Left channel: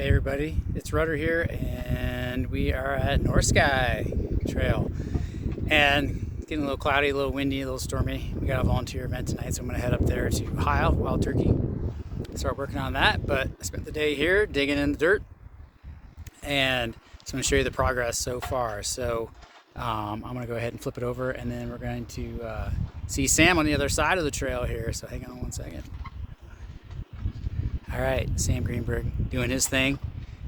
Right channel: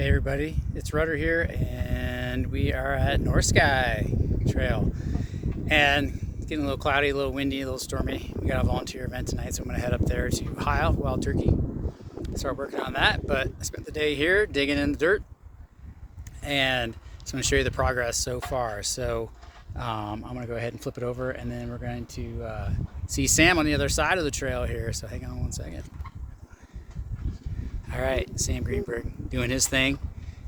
Hey everybody, it's Rutter here, and we are at North Sky Trail. And it's getting a little cloudy, a little windy, a little stormy. We got a volunteer event tonight, so I'm going to head up there to high out wild turkey, start working on that. But I spent the day here digging in the dirt, and just going to show you the progress so far. So I'm going to go ahead and flip it over, and then we're going to see Sam on the other side of the trail here. So hang on one second. All right, Sam Greenberg doing his thing.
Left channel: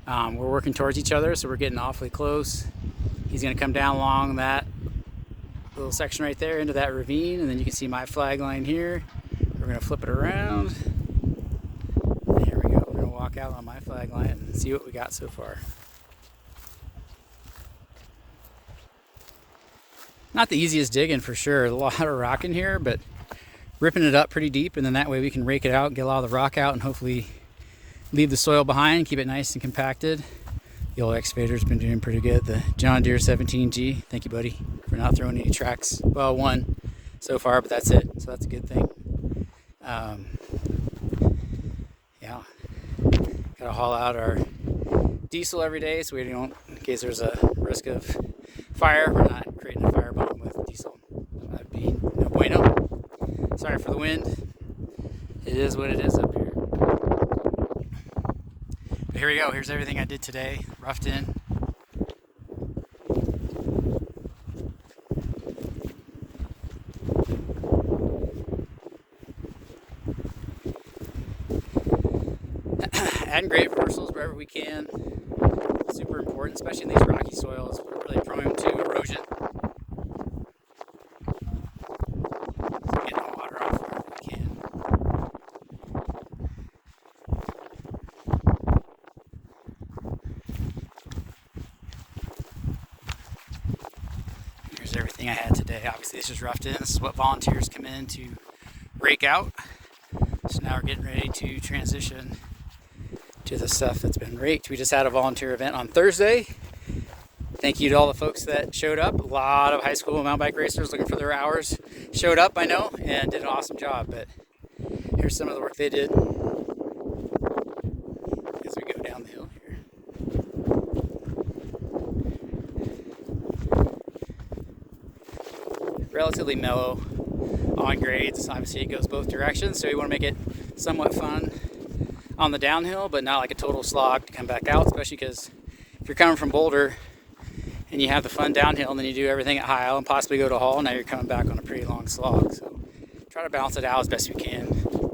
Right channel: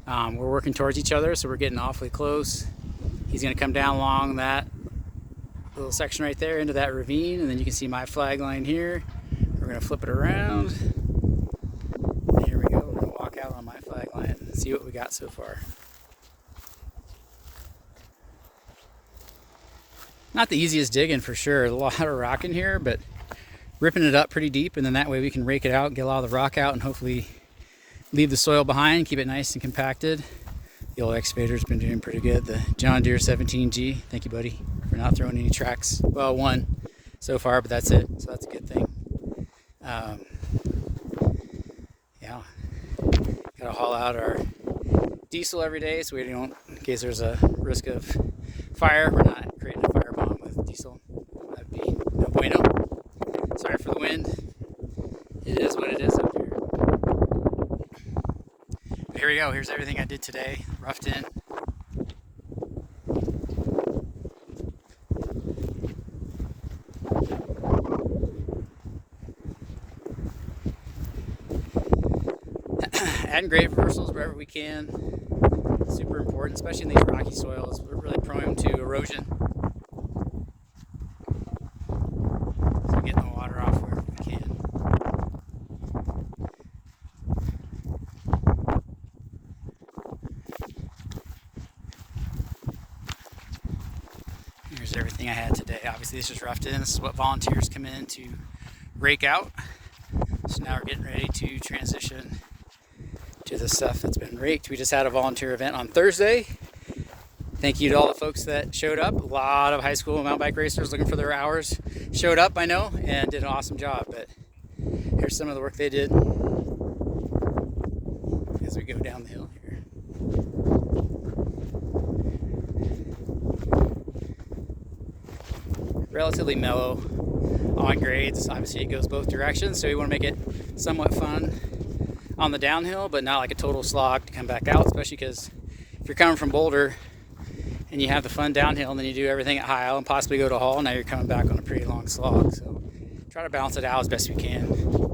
We're working towards each other, so we're getting awfully close. He's gonna come down along that little section right there into that ravine, and then you can see my flag line here. We're gonna flip it around. And here we go, we're gonna walk out on my flag line and see what we got so far. Not the easiest digging for sure, a lot of rock in here, but ripping it up pretty deep, and then that way we can rake it out, get a lot of the rock out, and hopefully leave the soil behind, keep it nice and compacted. The old excavator's been doing pretty good. The John Deere 17G, thank you buddy for not throwing any tracks. Well, one so far, but that's it, so that's a good thing. Yeah, gotta haul out our diesel every day so we don't, in case there's a risk of fire, we're not creating a firebomb with diesel. That'd be no bueno. Sorry for the wind. It is what it is up here. But here we go. Here's everything I did today. Roughed in. Adding grade reversals wherever we can. Super important, especially in these rocky soils. We're really prone to erosion. Here's everything I had today. Obviously this is roughed in. This is what volunteers come in to rake out. So now we're getting ready to transition to the stuff that's been raked. We just had a volunteer event on Thursday. Thank you to all the folks that showed up. A lot of high school mountain bike racers looking for their hours showed up, I know, and did an awesome job. But here's some of the work they did as we go down the hill here. Relatively mellow on grades. Obviously it goes both directions, so you want to make it somewhat fun on the downhill, but not like a total slog to come back out, especially because if you're coming from Boulder and you have the fun downhill and then you do everything at High and possibly go to Hall, now you're coming back on a pretty long slog. So try to balance it out as best we can.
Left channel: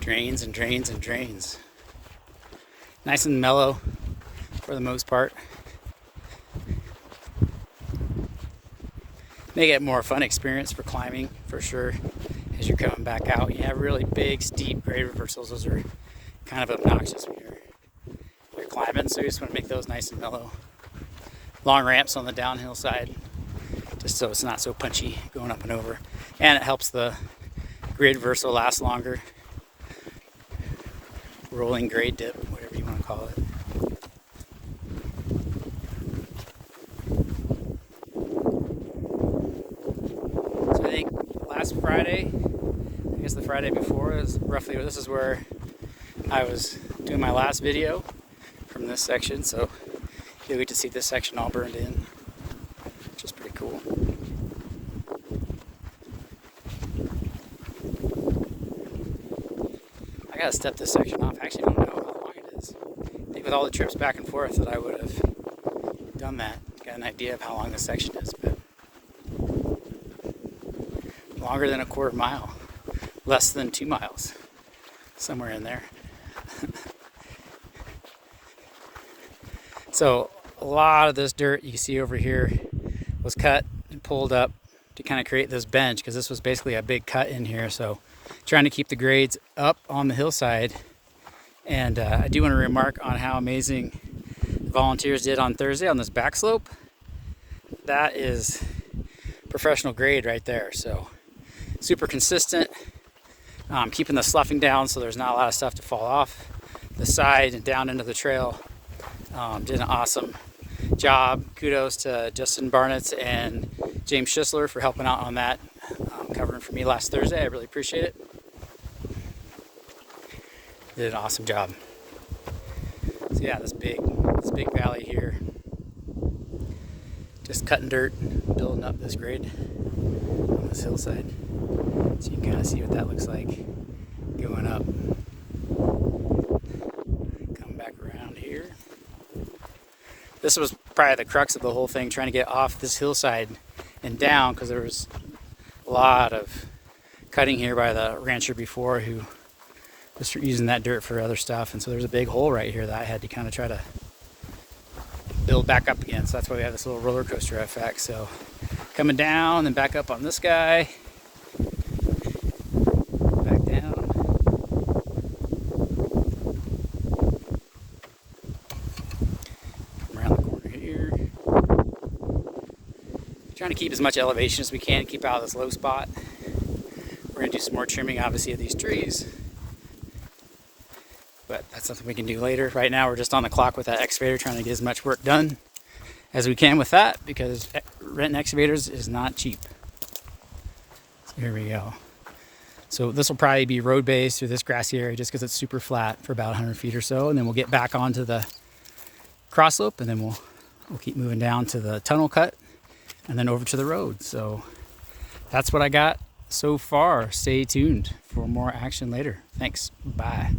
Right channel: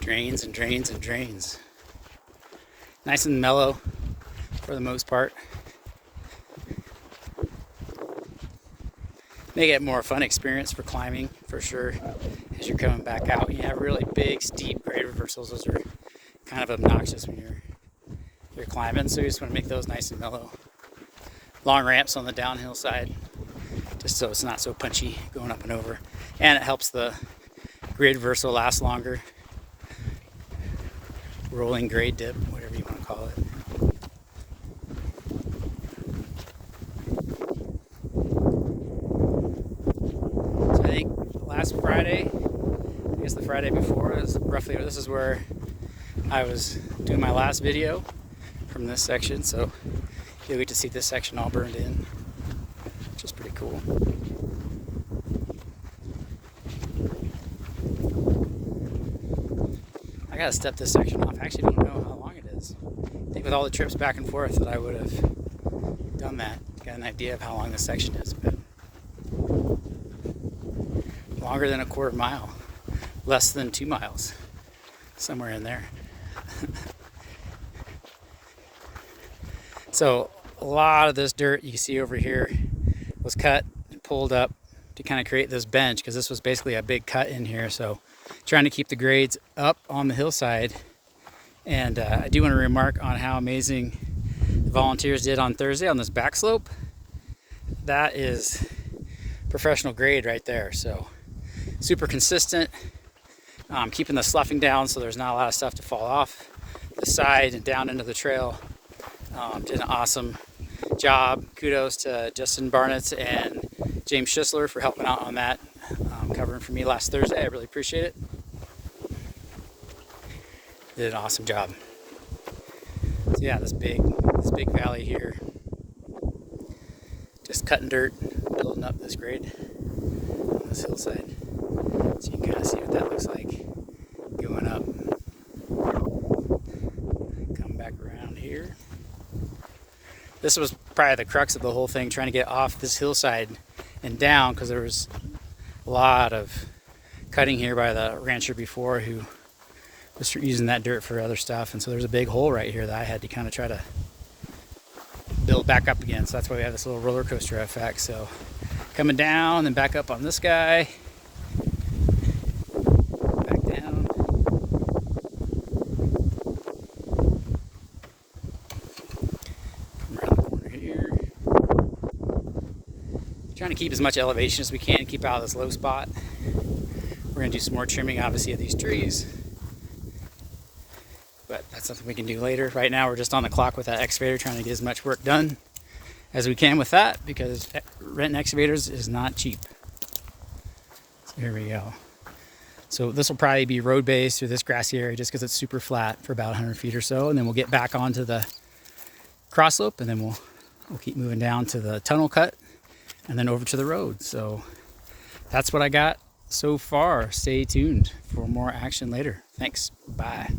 Drains and drains and drains. Nice and mellow for the most part. Make it a more fun experience for climbing for sure as you're coming back out. You have really big, steep grade reversals. Those are kind of obnoxious when you're climbing, so you just want to make those nice and mellow. Long ramps on the downhill side, just so it's not so punchy going up and over. And it helps the grade reversal last longer. Rolling grade dip, whatever you want to call it. So I think last Friday, I guess the Friday before, is roughly, this is where I was doing my last video from this section, so you'll get to see this section all burned in, which is pretty cool. I gotta step this section off. I actually don't know how long it is. I think with all the trips back and forth that I would have done that. Got an idea of how long this section is, but longer than a quarter mile. Less than 2 miles. Somewhere in there. So a lot of this dirt you see over here was cut and pulled up to kind of create this bench, because this was basically a big cut in here. So trying to keep the grades up on the hillside. And I do want to remark on how amazing the volunteers did on Thursday on this back slope. That is professional grade right there. So super consistent, keeping the sloughing down so there's not a lot of stuff to fall off the side and down into the trail. Did an awesome job. Kudos to Justin Barnett and James Schisler for helping out on that, covering for me last Thursday. I really appreciate it. Did an awesome job. So yeah, this big valley here, just cutting dirt, building up this grade on this hillside. So you can kind of see what that looks like going up. Come back around here. This was probably the crux of the whole thing, trying to get off this hillside and down, because there was a lot of cutting here by the rancher before who was using that dirt for other stuff. And so there's a big hole right here that I had to kind of try to build back up again. So that's why we have this little roller coaster effect. So coming down and back up on this guy, back down. Come around the corner here. Trying to keep as much elevation as we can to keep out of this low spot. We're gonna do some more trimming, obviously, of these trees, but that's something we can do later. Right now, we're just on the clock with that excavator, trying to get as much work done as we can with that, because renting excavators is not cheap. Here we go. So this will probably be road based through this grassy area, just because it's super flat for about 100 feet or so, and then we'll get back onto the cross slope, and then we'll keep moving down to the tunnel cut, and then over to the road. So that's what I got so far. Stay tuned for more action later. Thanks. Bye.